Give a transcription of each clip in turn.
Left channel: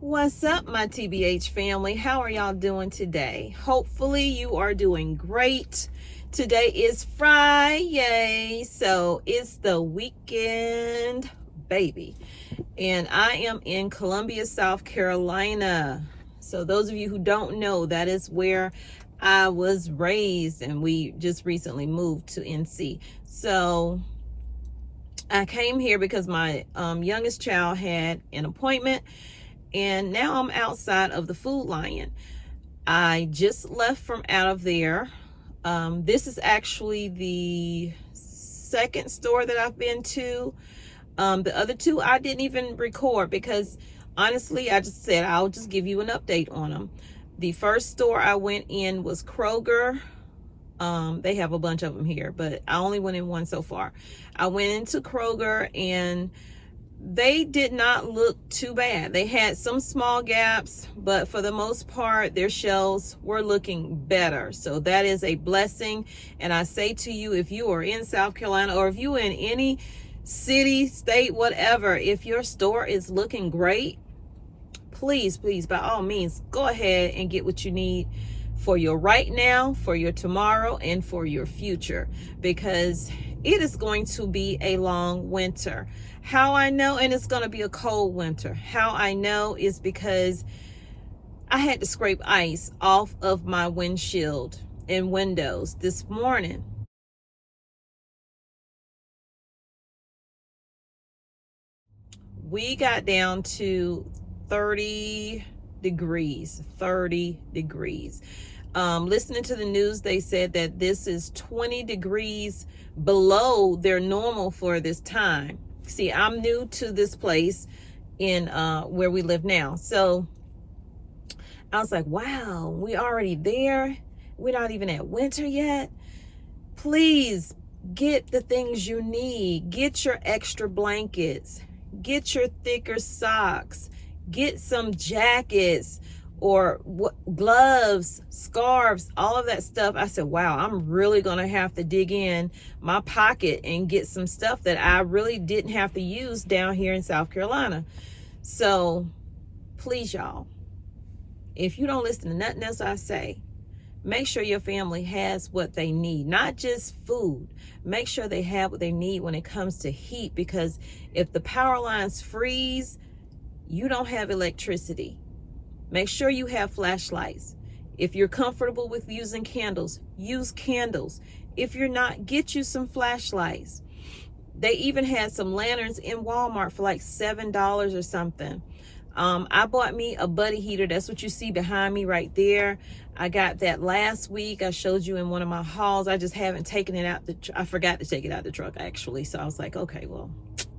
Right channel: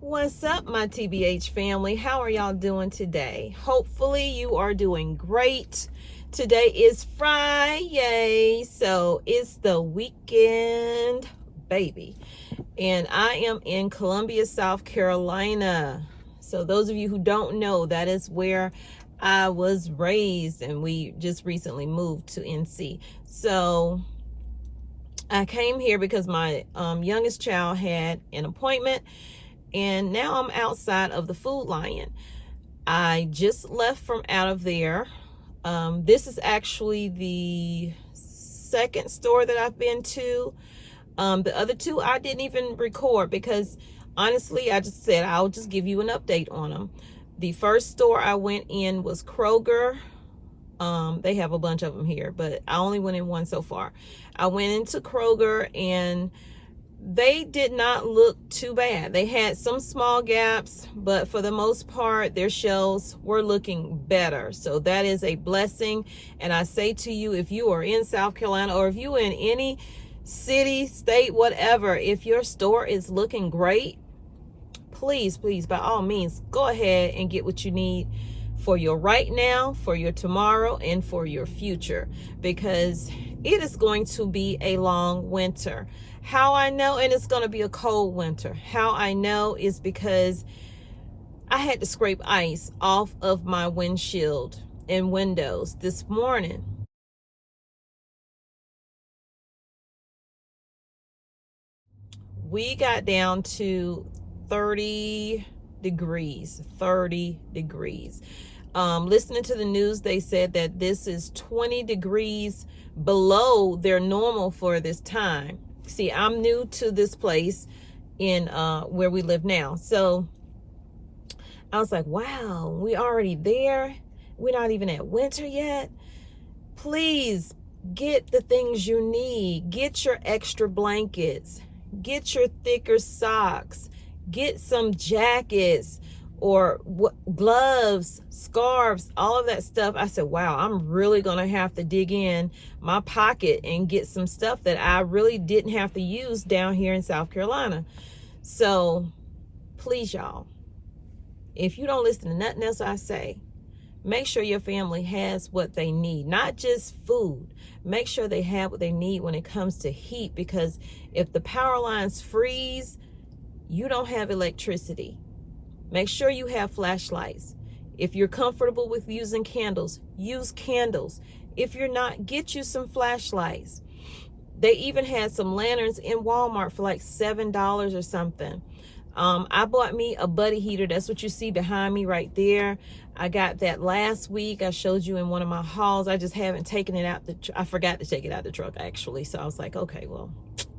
What's up, my TBH family? How are y'all doing today? Hopefully you are doing great. Today is Friday, so it's the weekend, baby. And I am in Columbia, South Carolina. So those of you who don't know, that is where I was raised, and we just recently moved to NC. So I came here because my youngest child had an appointment, and now I'm outside of the Food Lion. I just left from out of there. This is actually the second store that I've been to. The other two I didn't even record because honestly, I just said I'll just give you an update on them. The first store I went in was Kroger. They have a bunch of them here, but I only went in one so far. I went into Kroger and they did not look too bad. They had some small gaps, but for the most part, their shelves were looking better. So that is a blessing. And I say to you, if you are in South Carolina or if you are in any city, state, whatever, if your store is looking great, please, by all means, go ahead and get what you need for your right now, for your tomorrow, and for your future, because it is going to be a long winter. How I know, and it's going to be a cold winter. How I know is because I had to scrape ice off of my windshield and windows this morning. We got down to 30 degrees. Listening to the news, they said that this is 20 degrees below their normal for this time. See, I'm new to this place in where we live now. So I was like, wow, we already there. We're not even at winter yet. Please get the things you need. Get your extra blankets. Get your thicker socks. Get some jackets or gloves, scarves, all of that stuff. I said, wow, I'm really going to have to dig in my pocket and get some stuff that I really didn't have to use down here in South Carolina. So please, y'all, if you don't listen to nothing else I say, make sure your family has what they need, not just food. Make sure they have what they need when it comes to heat, because if the power lines freeze, you don't have electricity. Make sure you have flashlights. If you're comfortable with using candles, use candles. If you're not, get you some flashlights. They even had some lanterns in Walmart for like $7 or something. I bought me a buddy heater. That's what you see behind me right there. I got that last week. I showed you in one of my hauls. I just haven't taken it out. I forgot to take it out of the truck actually. So I was like, okay, well,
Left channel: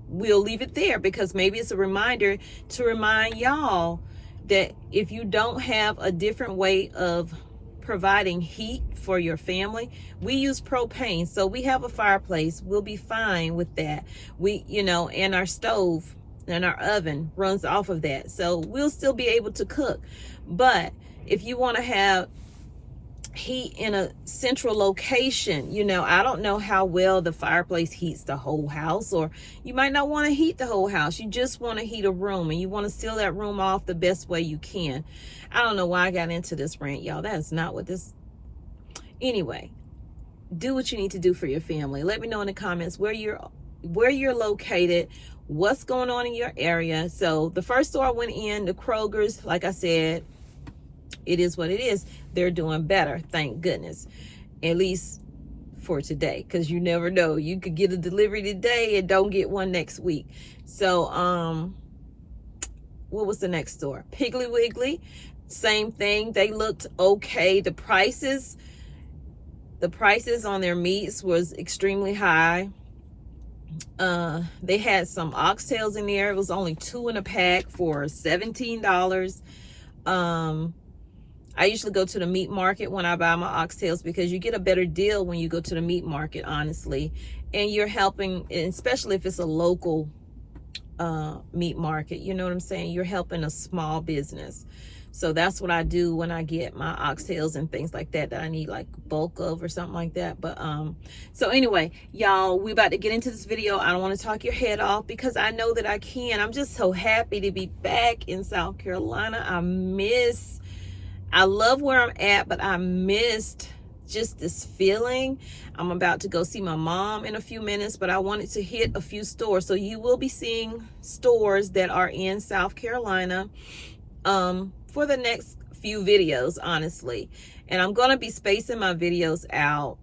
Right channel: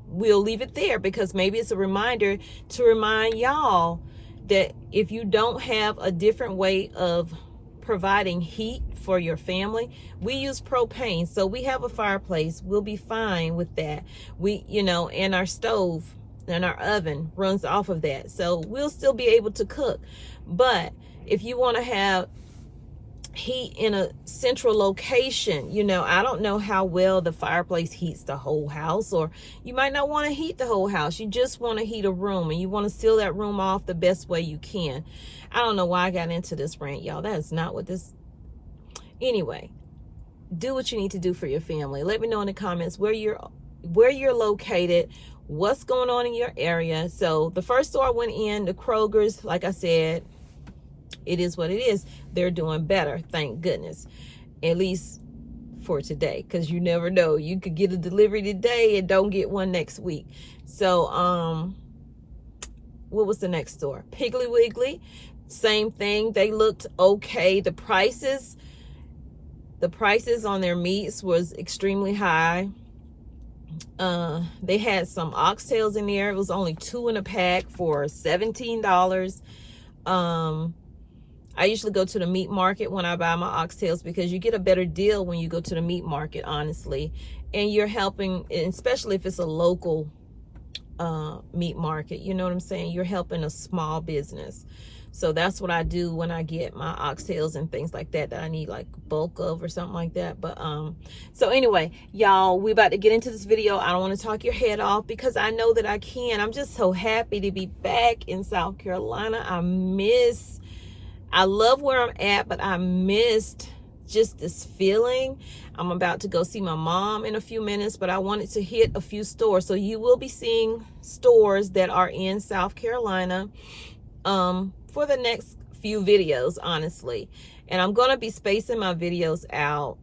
we'll leave it there because maybe it's a reminder to remind y'all that if you don't have a different way of providing heat for your family, we use propane. So we have a fireplace. We'll be fine with that. And our stove and our oven runs off of that. So we'll still be able to cook. But if you want to have heat in a central location, I don't know how well the fireplace heats the whole house, or you might not want to heat the whole house. You just want to heat a room and you want to seal that room off the best way you can. I don't know why I got into this rant, y'all. That is not what this. Anyway, do what you need to do for your family. Let me know in the comments where you're located, what's going on in your area. So the first store I went in, the Kroger's, like I said, it is what it is. They're doing better, thank goodness, at least for today, because you never know. You could get a delivery today and don't get one next week. So what was the next store? Piggly Wiggly, same thing. They looked okay. The prices on their meats was extremely high. They had some oxtails in there. It was only 2 in a pack for $17. I usually go to the meat market when I buy my oxtails because you get a better deal when you go to the meat market, honestly. And you're helping, especially if it's a local meat market, you know what I'm saying? You're helping a small business. So that's what I do when I get my oxtails and things like that I need like bulk of or something like that. But so anyway, y'all, we about to get into this video. I don't want to talk your head off because I know that I can. I'm just so happy to be back in South Carolina. I love where I'm at, but I missed just this feeling. I'm about to go see my mom in a few minutes, but I wanted to hit a few stores. So you will be seeing stores that are in South Carolina for the next few videos, honestly. And I'm going to be spacing my videos out.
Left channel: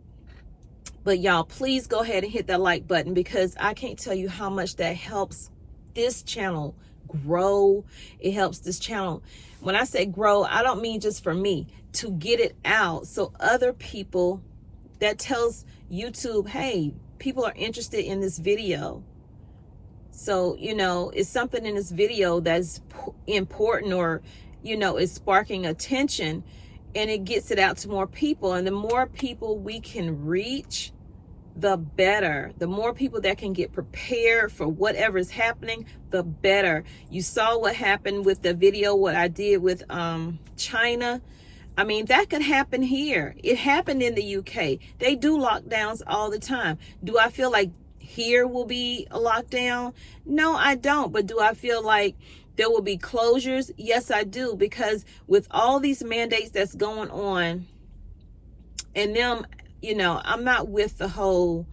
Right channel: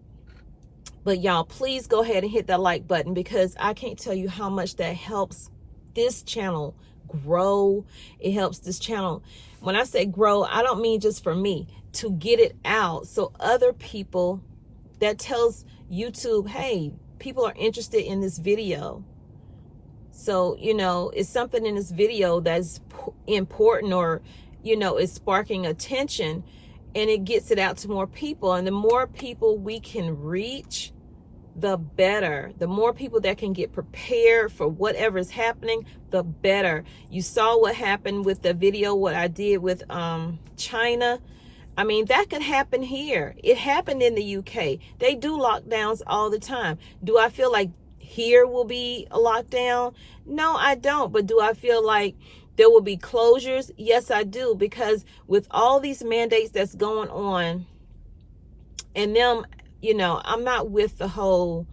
But y'all, please go ahead and hit that like button because I can't tell you how much that helps this channel grow. It helps this channel. When I say grow, I don't mean just for me, to get it out so other people, that tells YouTube, hey, people are interested in this video. So, you know, it's something in this video that's important, or, you know, it's sparking attention, and it gets it out to more people. And the more people we can reach, the better. The more people that can get prepared for whatever is happening, the better. You saw what happened with the video, what I did with China. I mean, that could happen here. It happened in the UK. They do lockdowns all the time. Do I feel like here will be a lockdown? No, I don't. But do I feel like there will be closures? Yes, I do. Because with all these mandates that's going on, and them, you know, I'm not with the whole,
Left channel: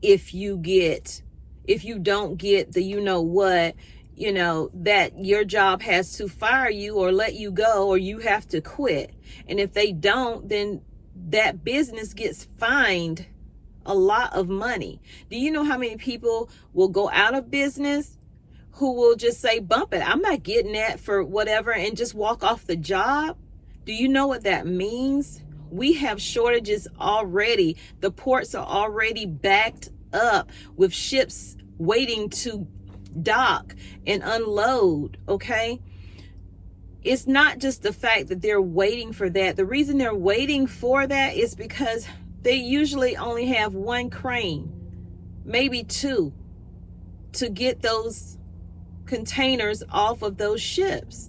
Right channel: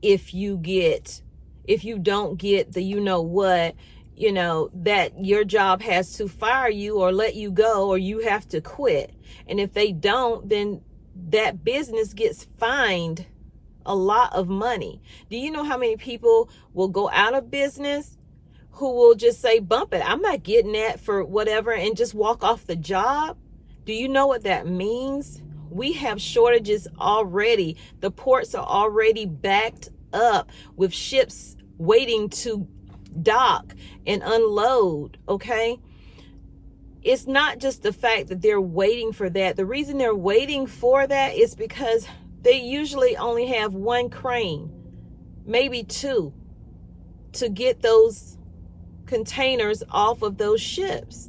if you don't get the, you know what, you know, that your job has to fire you or let you go, or you have to quit. And if they don't, then that business gets fined a lot of money. Do you know how many people will go out of business who will just say, bump it, I'm not getting that for whatever, and just walk off the job? Do you know what that means? We have shortages already. The ports are already backed up with ships waiting to dock and unload, okay? It's not just the fact that they're waiting for that. The reason they're waiting for that is because they usually only have one crane, maybe two, to get those containers off of those ships.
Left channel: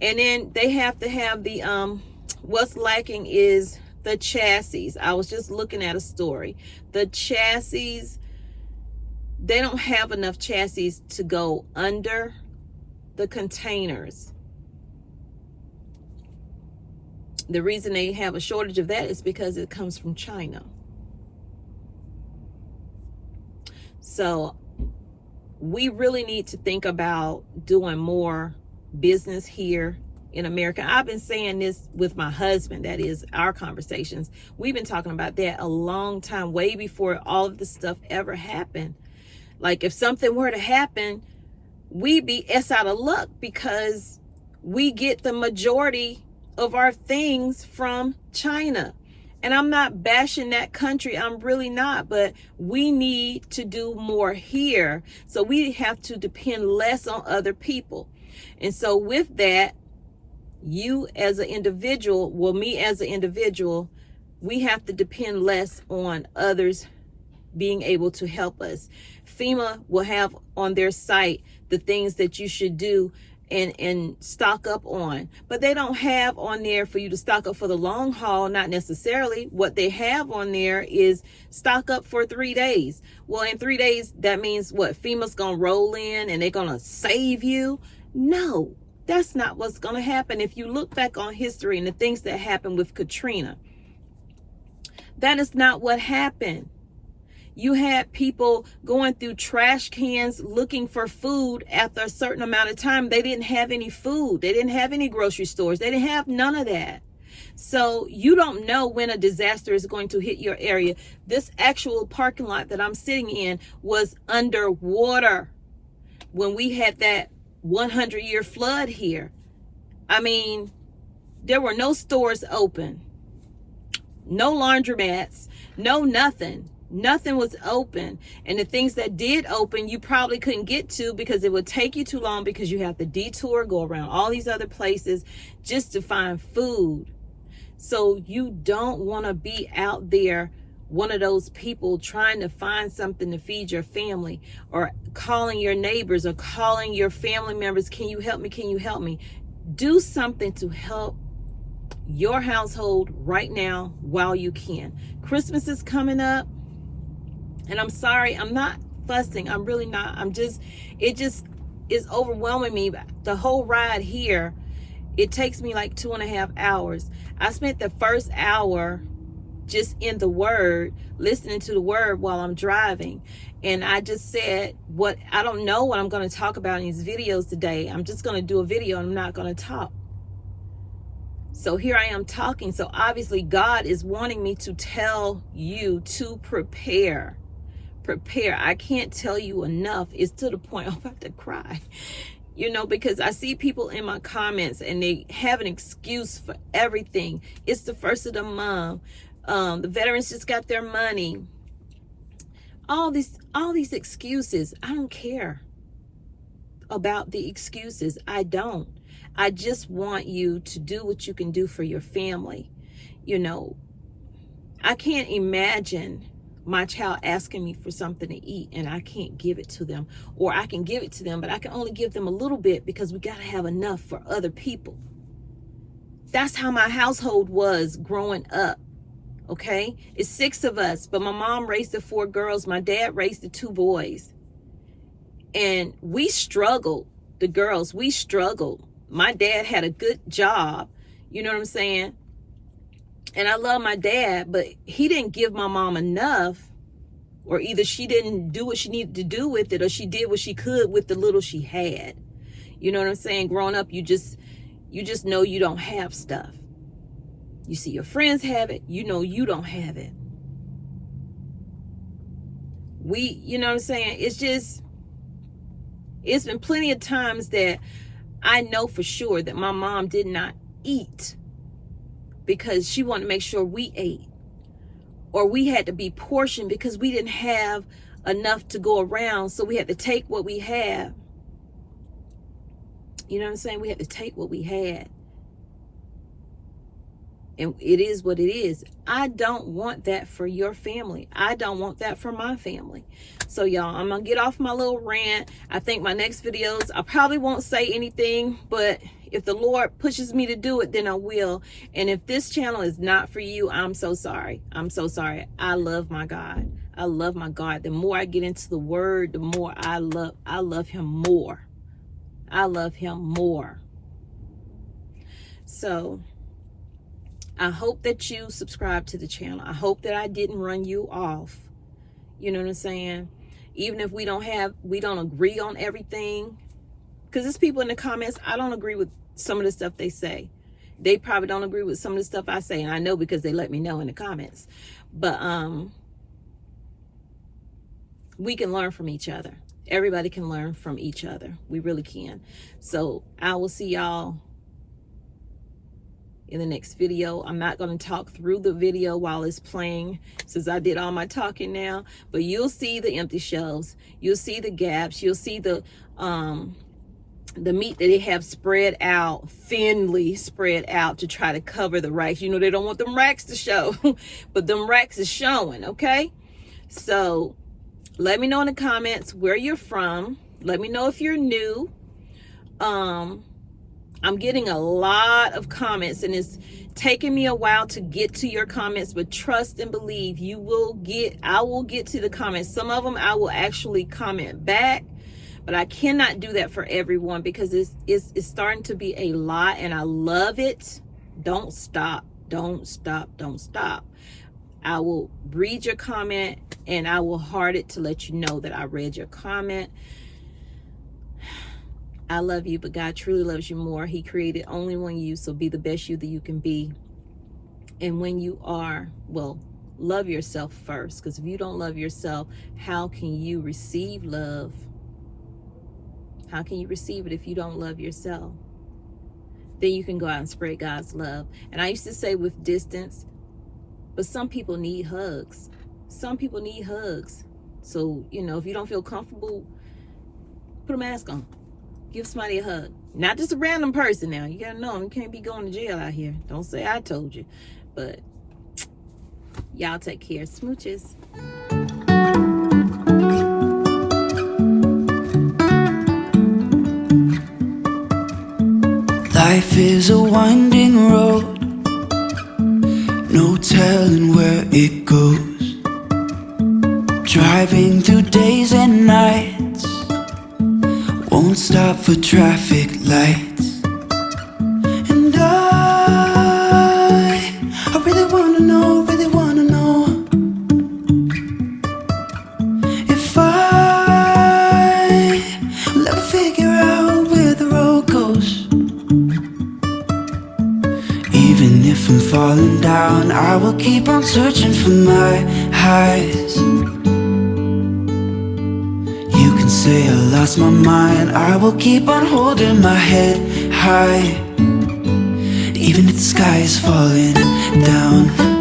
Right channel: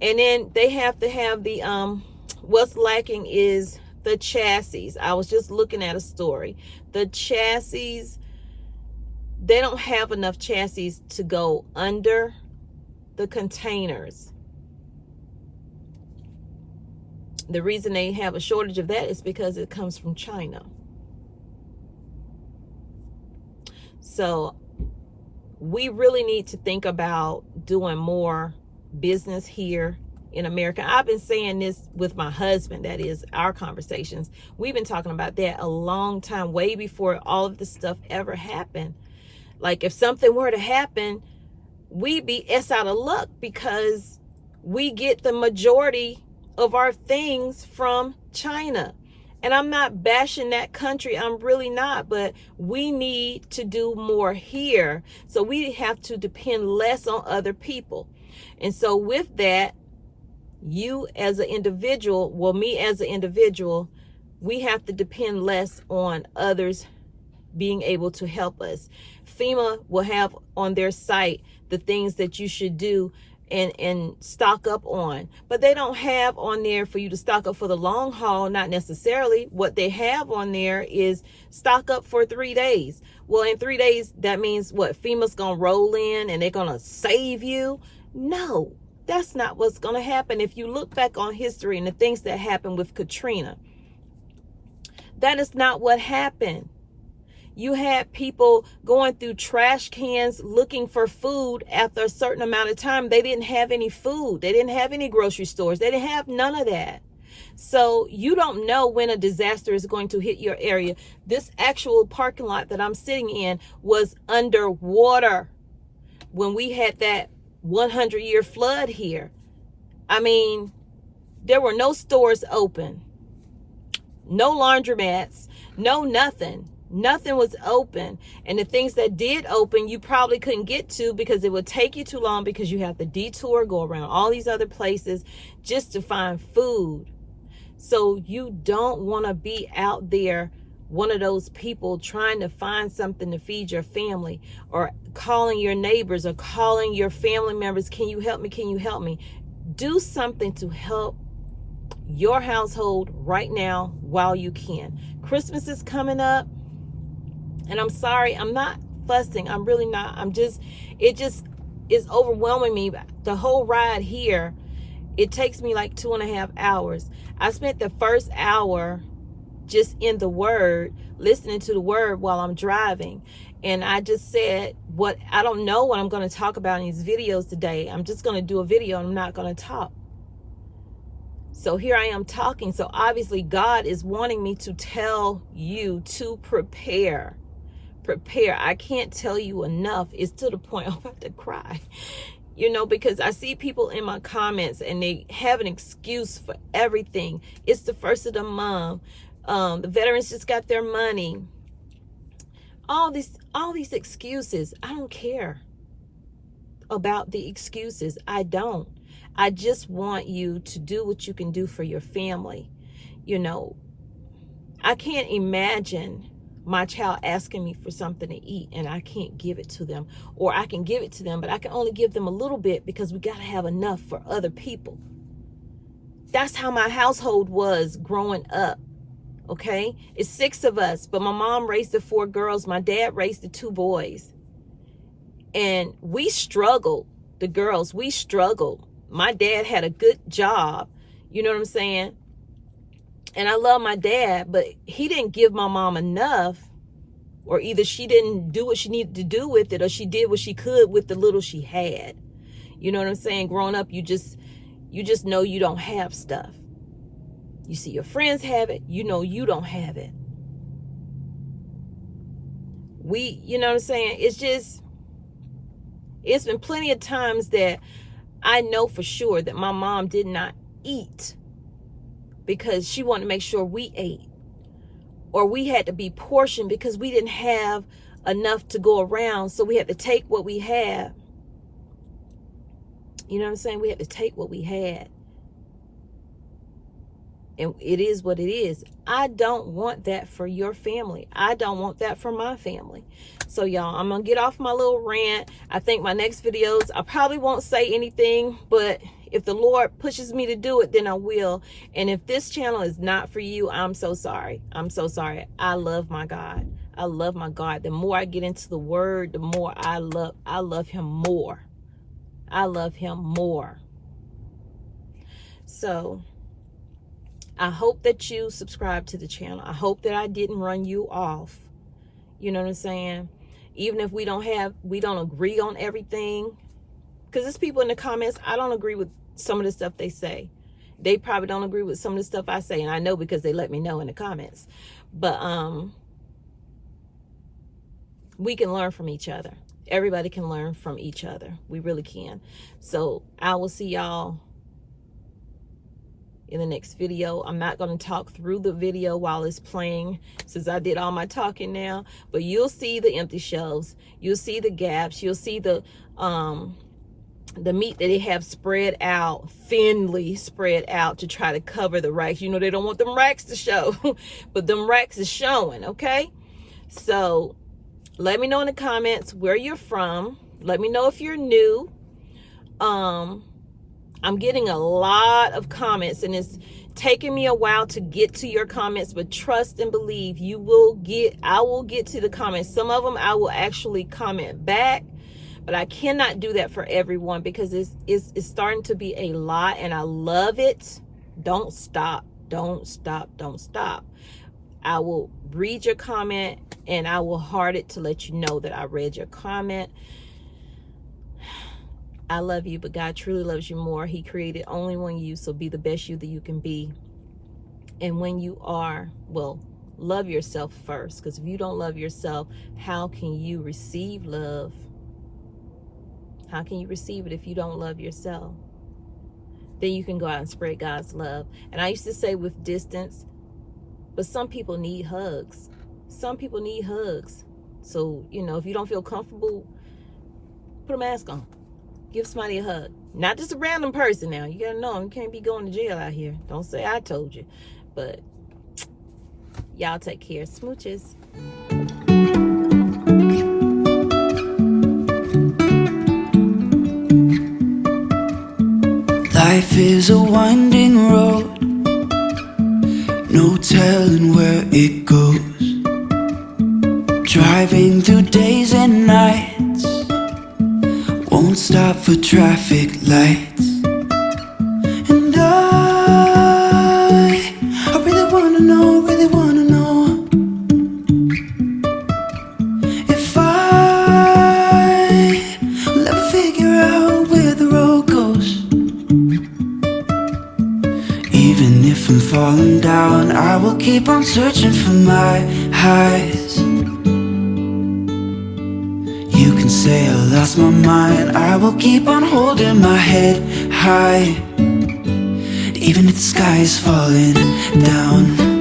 And then they have to have the, what's lacking is the chassis. I was just looking at a story. The chassis, they don't have enough chassis to go under the containers. The reason they have a shortage of that is because it comes from China. So we really need to think about doing more business here in America. I've been saying this with my husband, that is our conversations. We've been talking about that a long time, way before all of this stuff ever happened. Like if something were to happen, we'd be out of luck because we get the majority of our things from China. And I'm not bashing that country, I'm really not, but we need to do more here. So we have to depend less on other people. And so with that, you as an individual, well, me as an individual, we have to depend less on others being able to help us. FEMA will have on their site the things that you should do and stock up on, but they don't have on there for you to stock up for the long haul. Not necessarily. What they have on there is stock up for 3 days. Well, in 3 days, that means what? FEMA's gonna roll in and they're gonna save you? No, that's not what's gonna happen. If you look back on history and the things that happened with Katrina, that is not what happened. You had people going through trash cans looking for food. After a certain amount of time, they didn't have any food. They didn't have any grocery stores. They didn't have none of that. So you don't know when a disaster is going to hit your area. This actual parking lot that I'm sitting in was underwater when we had that 100-year flood here. I mean, there were no stores open, no laundromats, no nothing. Nothing was open. And the things that did open, you probably couldn't get to because it would take you too long, because you have to detour, go around all these other places just to find food. So you don't want to be out there, one of those people trying to find something to feed your family, or calling your neighbors or calling your family members, can you help me? Can you help me? Do something to help your household right now while you can. Christmas is coming up, and I'm sorry, I'm not fussing. I'm really not. It just is overwhelming me. The whole ride here, it takes me like 2.5 hours. I spent the first hour just in the Word, listening to the Word while I'm driving. And I just said, I don't know what I'm going to talk about in these videos today. I'm just going to do a video and I'm not going to talk. So here I am talking. So obviously God is wanting me to tell you to prepare. Prepare. I can't tell you enough. It's to the point I'm about to cry. Because I see people in my comments and they have an excuse for everything. It's the first of the month. The veterans just got their money. All these excuses. I don't care about the excuses. I don't. I just want you to do what you can do for your family. I can't imagine my child asking me for something to eat and I can't give it to them, or I can give it to them, but I can only give them a little bit because we got to have enough for other people. That's how my household was growing up. Okay, it's 6 of us, but my mom raised the 4 girls. My dad raised the 2 boys, and we struggled. The girls, we struggled. My dad had a good job. You know what I'm saying? And I love my dad, but he didn't give my mom enough, or either she didn't do what she needed to do with it, or she did what she could with the little she had. You know what I'm saying? Growing up, you just know you don't have stuff. You see your friends have it, you know you don't have it. You know what I'm saying? It's been plenty of times that I know for sure that my mom did not eat because she wanted to make sure we ate. Or we had to be portioned because we didn't have enough to go around, so we had to take what we had. You know what I'm saying? We had to take what we had. And it is what it is. I don't want that for your family. I don't want that for my family. So y'all, I'm going to get off my little rant. I think my next videos, I probably won't say anything, but if the Lord pushes me to do it, then I will. And if this channel is not for you, I'm so sorry. I'm so sorry. I love my God. I love my God. The more I get into the Word, the more I love him more. I love him more. So I hope that you subscribe to the channel. I hope that I didn't run you off. You know what I'm saying? Even if we don't agree on everything. Because there's people in the comments, I don't agree with some of the stuff they say. They probably don't agree with some of the stuff I say. And I know because they let me know in the comments. But we can learn from each other. Everybody can learn from each other. We really can. So I will see y'all in the next video. I'm not going to talk through the video while it's playing since I did all my talking now, but you'll see the empty shelves, you'll see the gaps, you'll see the meat that they have spread out, thinly spread out to try to cover the racks. They don't want them racks to show, but them racks is showing. Okay, so let me know in the comments where you're from. Let me know if you're new. I'm getting a lot of comments, and it's taking me a while to get to your comments, but trust and believe I will get to the comments. Some of them I will actually comment back, but I cannot do that for everyone because it's starting to be a lot, and I love it. Don't stop. Don't stop. Don't stop. I will read your comment, and I will heart it to let you know that I read your comment. I love you, but God truly loves you more. He created only one you, so be the best you that you can be. And when you are, love yourself first, because if you don't love yourself, how can you receive love? How can you receive it if you don't love yourself? Then you can go out and spread God's love. And I used to say with distance, but some people need hugs. Some people need hugs. So, if you don't feel comfortable, put a mask on. Give somebody a hug. Not just a random person now. You gotta know, you can't be going to jail out here. Don't say I told you. But y'all take care. Smooches. Life is a winding road, no telling where it goes. Driving through days and nights, won't stop for traffic lights. And I really wanna know, if I will ever figure out where the road goes. Even if I'm falling down, I will keep on searching for my highs. You can say I lost my mind, I will keep on holding my head high. Even if the sky is falling down.